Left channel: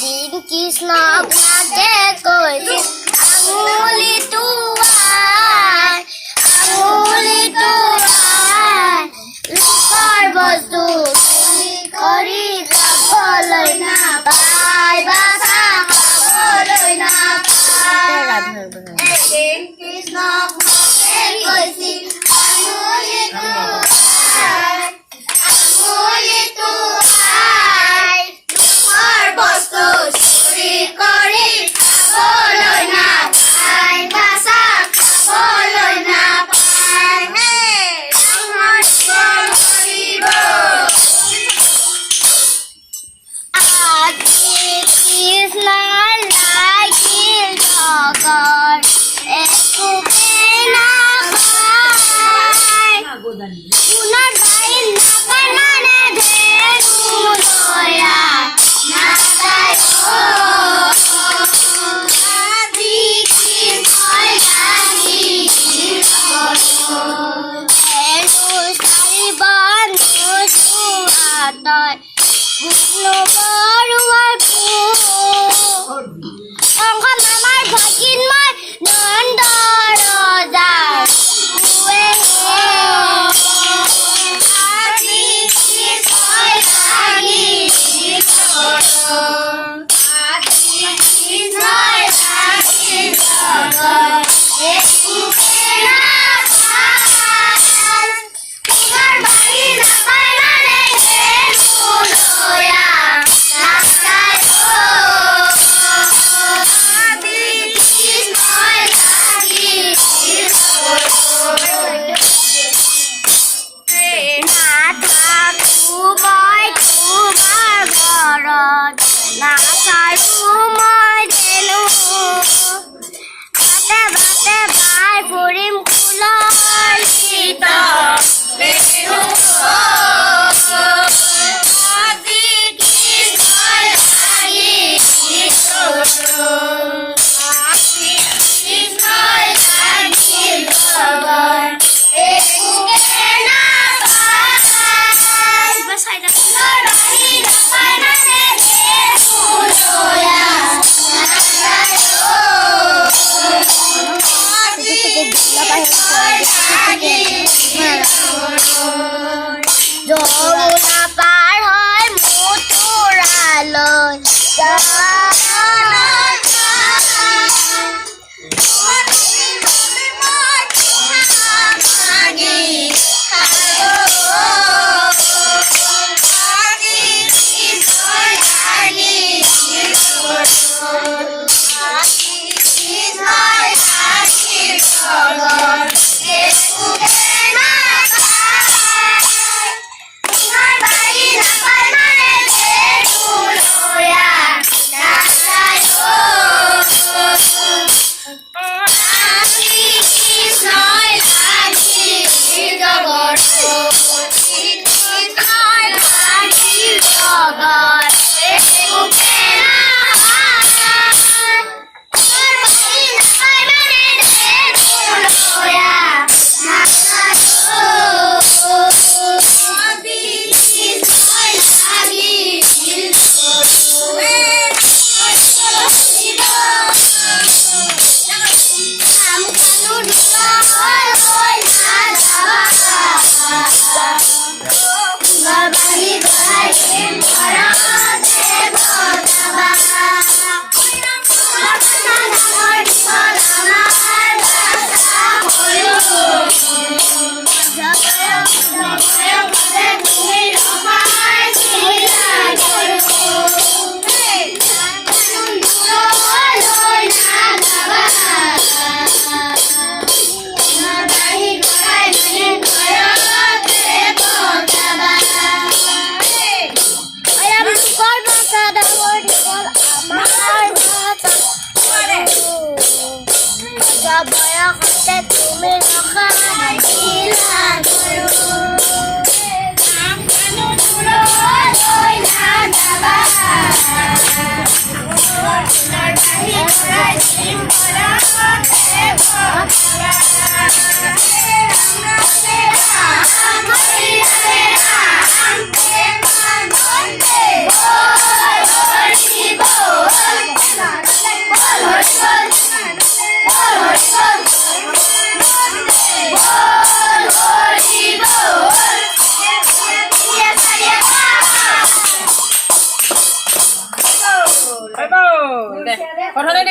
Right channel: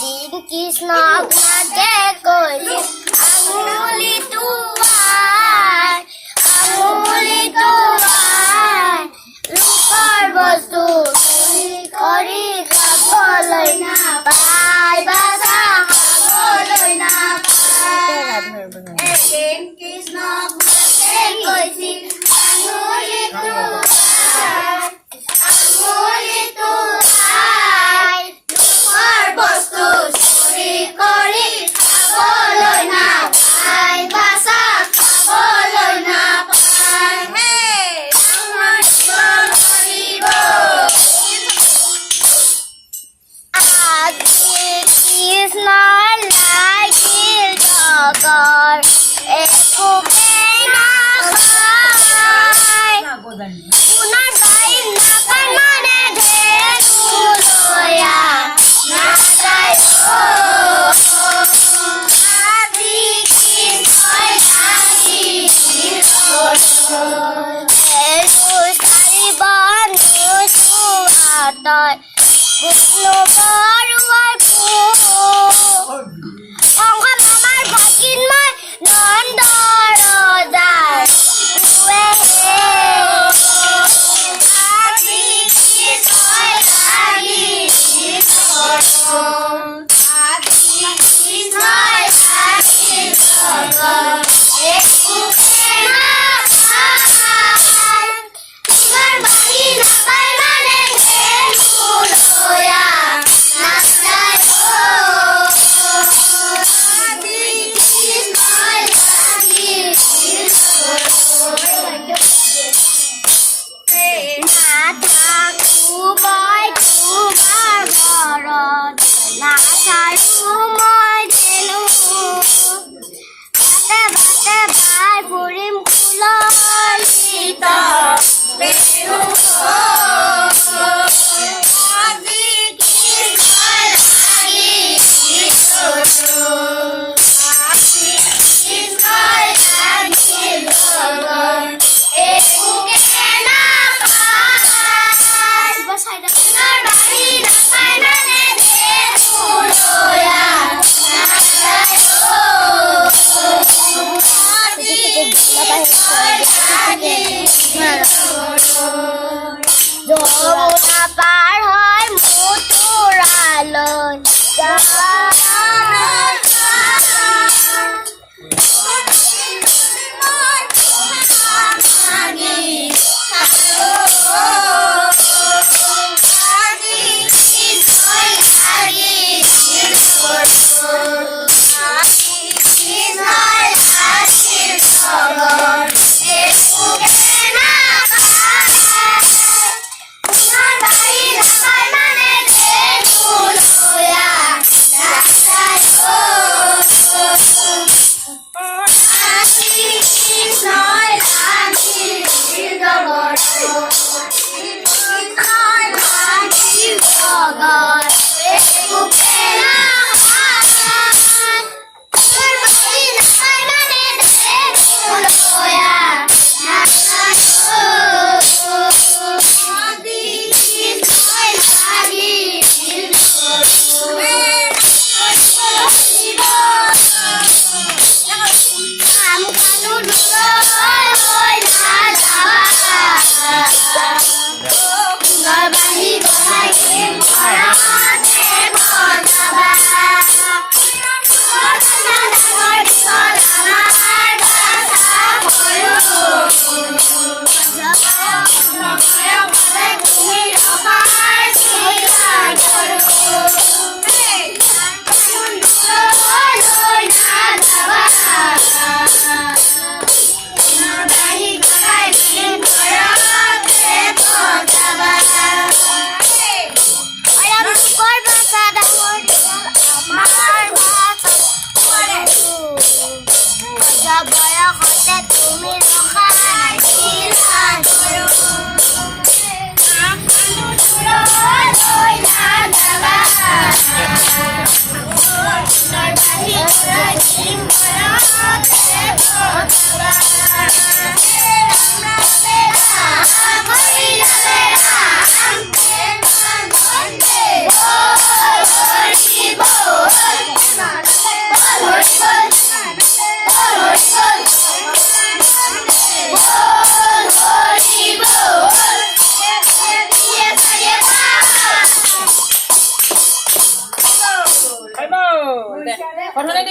এদিন কৃষ্ণক নাকে কৈছিল আঙুলিটো লোকৰ বস্তু চুৰি কৰি খাবলৈ নাপায় বাচা খাবলৈ নাপায় এদিন কৃষ্ণক নাকে কৈছিল আঙুলিটো লোকৰ বস্তু চুৰি কৰি খাবলৈ নাপায় বাচা খাবলৈ নাপায় আজি কৃষ্ণৰ লাগিল জগৰ একোকে নাখায় পুনৰ গাই নাপায় মানে ধেনু লয়া নাযায় আজি কৃষ্ণই লাগিল চাৰি বন্ধু আতয় বৰুৱাৰ কংস মামাৰ ভগিন মই নন্দ ৰজাৰ আজি কৃষ্ণই লাগিল একোকে নাপায় পুনৰ বাৰী নাপায় মানে ধেনু লয়া নাযায় আজি কৃষ্ণই লাগিল নাথাকো মই তোমাৰ ঘৰত নাচাৰো মই ধেনু বাটে বাটে বাই ফুৰিম কুললিত ধেনু আজি কৃষ্ণই লাগিল কৃষ্ণই লাগিল জগৰ একোকে নাপায় পুনৰ বাৰী নাপায় মানে ধেনু লয়া নাযায় যমুনা পাৰ হৈ মথুৰালৈ বয়সতে তুমি ৰখা